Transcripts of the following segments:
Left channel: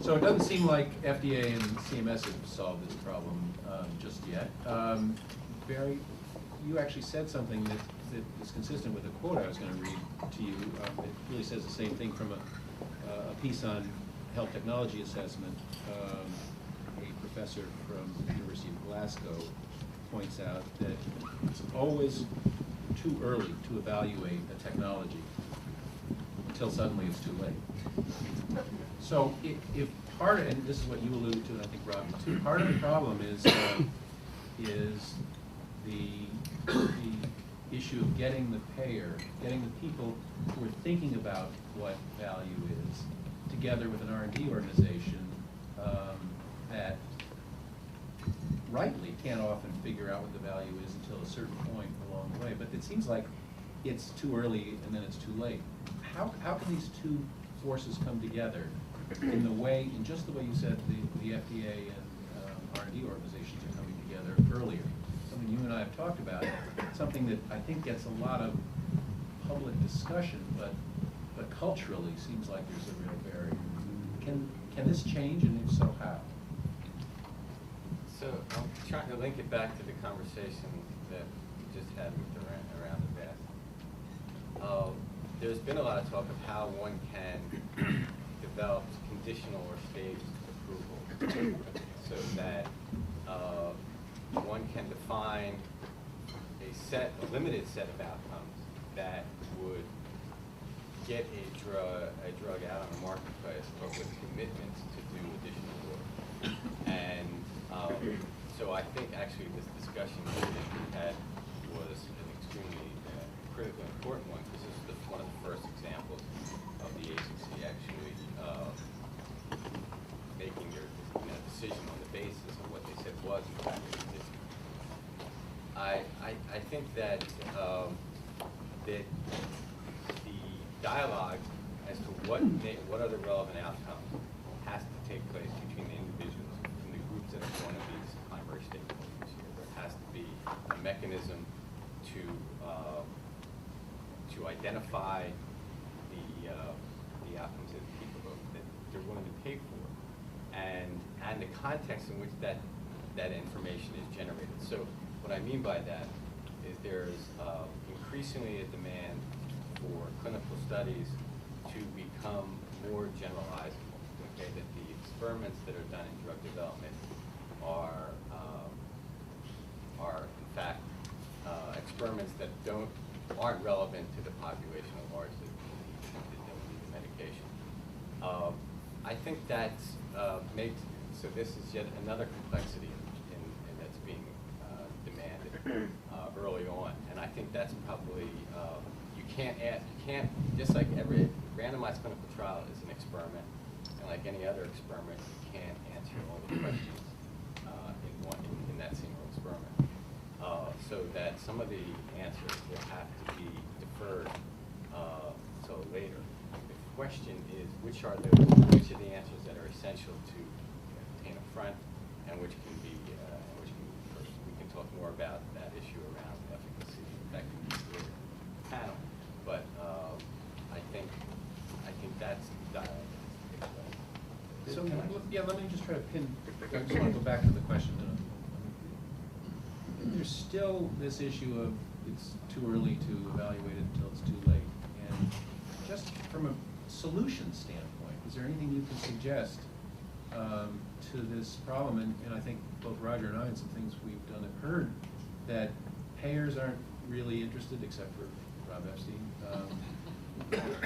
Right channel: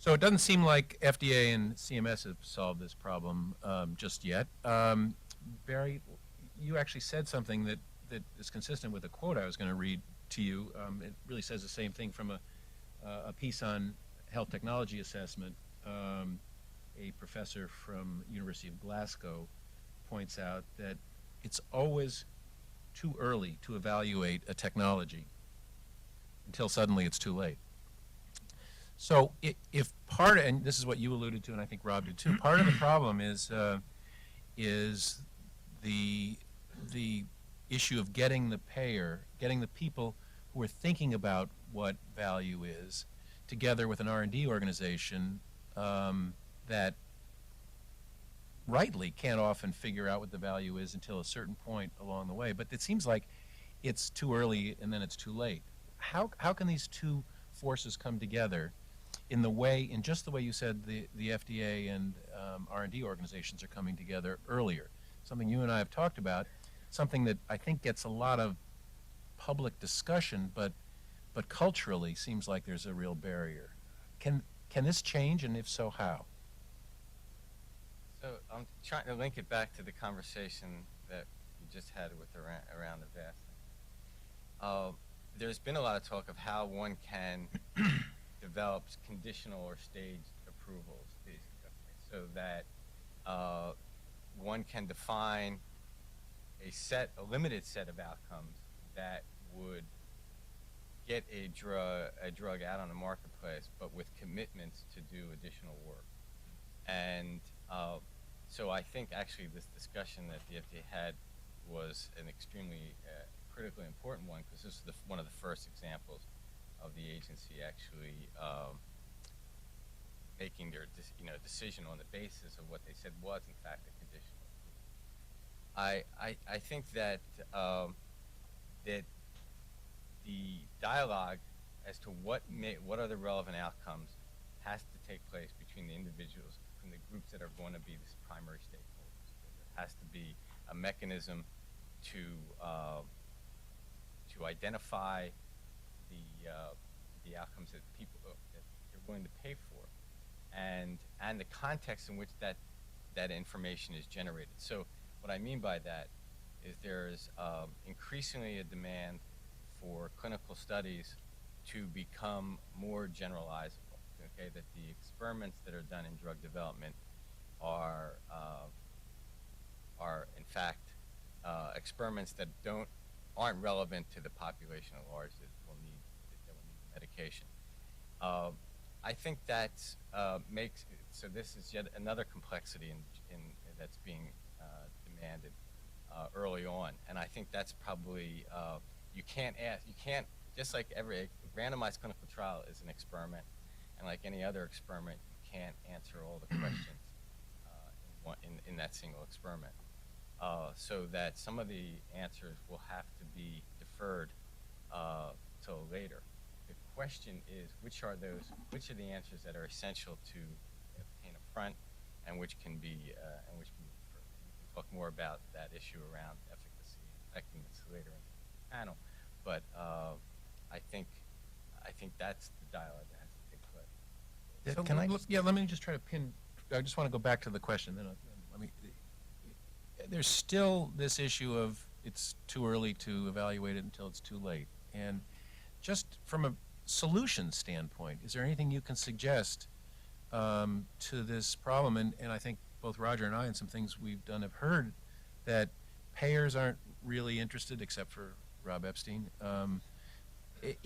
So it doesn't seem like FDA and CMS have solved this problem just yet. Barry, you actually said something that is consistent with a quote I was going to read to you. It really says the same thing from a piece on health technology assessment. A professor from the University of Glasgow points out that it's always too early to evaluate a technology until suddenly it's too late. So if part, and this is what you alluded to, and I think Rob did too, part of the problem is the issue of getting the payer, getting the people who are thinking about what value is, together with an R&D organization that rightly can't often figure out what the value is until a certain point along the way. But it seems like it's too early and then it's too late. How can these two forces come together in just the way you said the FDA and R&D organizations are coming together earlier? Something you and I have talked about, something that I think gets a lot of public discussion, but culturally seems like there's a real barrier. Can this change, and if so, how? So I'm trying to link it back to the conversation that we just had with around the vest. There's been a lot of talk of how one can develop conditional or staged approval so that one can define a limited set of outcomes that would get a drug out on the marketplace, but with commitments to do additional work. And so I think actually this discussion that we had was an extremely critical and important one, because this is one of the first examples of the agency actually making their decision on the basis of what they said was in fact a condition. I think that that the dialogue as to what are the relevant outcomes has to take place between the individuals and the groups that are going to be primary stakeholders here. There has to be a mechanism to identify the outcomes that people that they're willing to pay for, and the context in which that information is generated. So what I mean by that is there's increasingly a demand for clinical studies to become more generalizable. Okay, that the experiments that are done in drug development are in fact experiments that aren't relevant to the population at large that don't need the medication. I think that makes so this is yet another complexity in that's being demanded early on, and I think that's probably you can't just like every randomized clinical trial is an experiment, and like any other experiment, you can't answer all the questions in that single experiment. So that some of the answers will have to be deferred till later. The question is, which are the answers that are essential to obtain up front, and which can be first. We can talk more about that issue around efficacy and effectiveness later in the panel. But I think that's the dialogue. So can I? Yeah, let me just try to pin. I just want to go back to the question. There's still this issue of it's too early to evaluate it until it's too late. And just from a solution standpoint, is there anything you can suggest to this problem? And I think both Roger and I, and some things we've done, have heard that payers aren't really interested, except for Rob Epstein,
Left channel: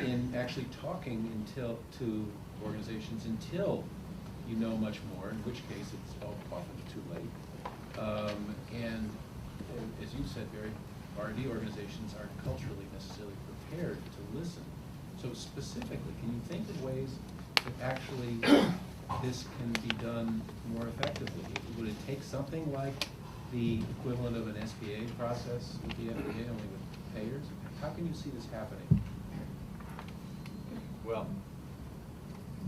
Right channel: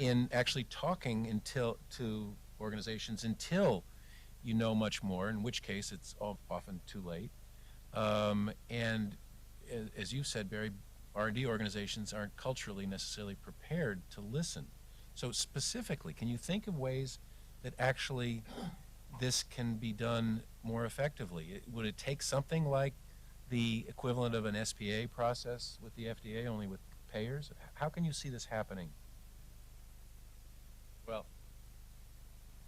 in actually talking to organizations until you know much more, in which case it's often too late. And as you said, Barry, R&D organizations aren't culturally necessarily prepared to listen. So specifically, can you think of ways that actually this can be done more effectively? Would it take something like the equivalent of an SPA process with the FDA, only with payers? How can you see this happening? Well,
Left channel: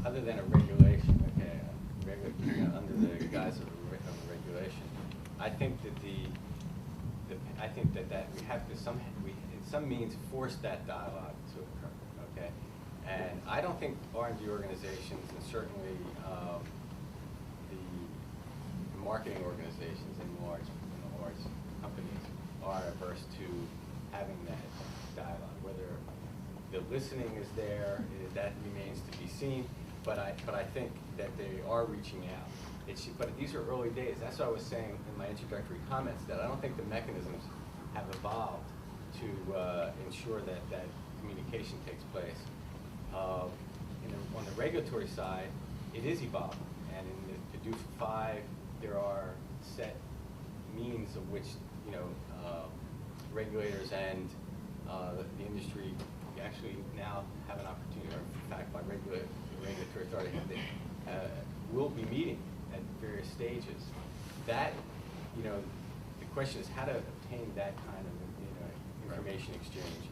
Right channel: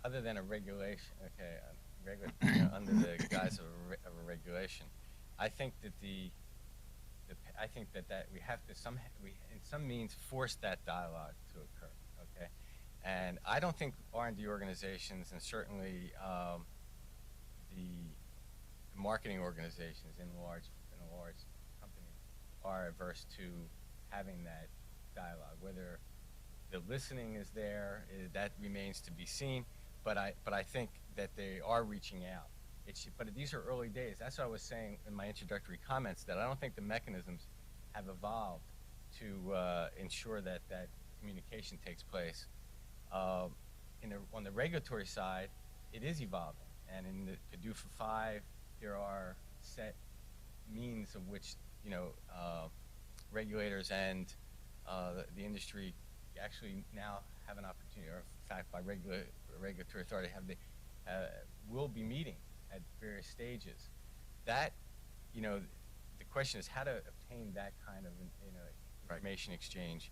other than a regulation, okay, under the guise of a regulation, I think that that we have to in some means force that dialogue to occur, okay, And I don't think R&D organizations, and certainly the marketing organizations in large companies, are averse to having that dialogue. Whether the listening is there, that remains to be seen. But I think that they are reaching out. But these are early days. That's what I was saying in my introductory comments, that I don't think the mechanisms have evolved to ensure that that communication takes place. On the regulatory side, it is evolving. And in the PDUFA 5, there are set means of which regulators and the industry actually now have an opportunity, or in fact, by regulatory authority, will be meeting at various stages. That, the question is how to obtain that kind of information exchange.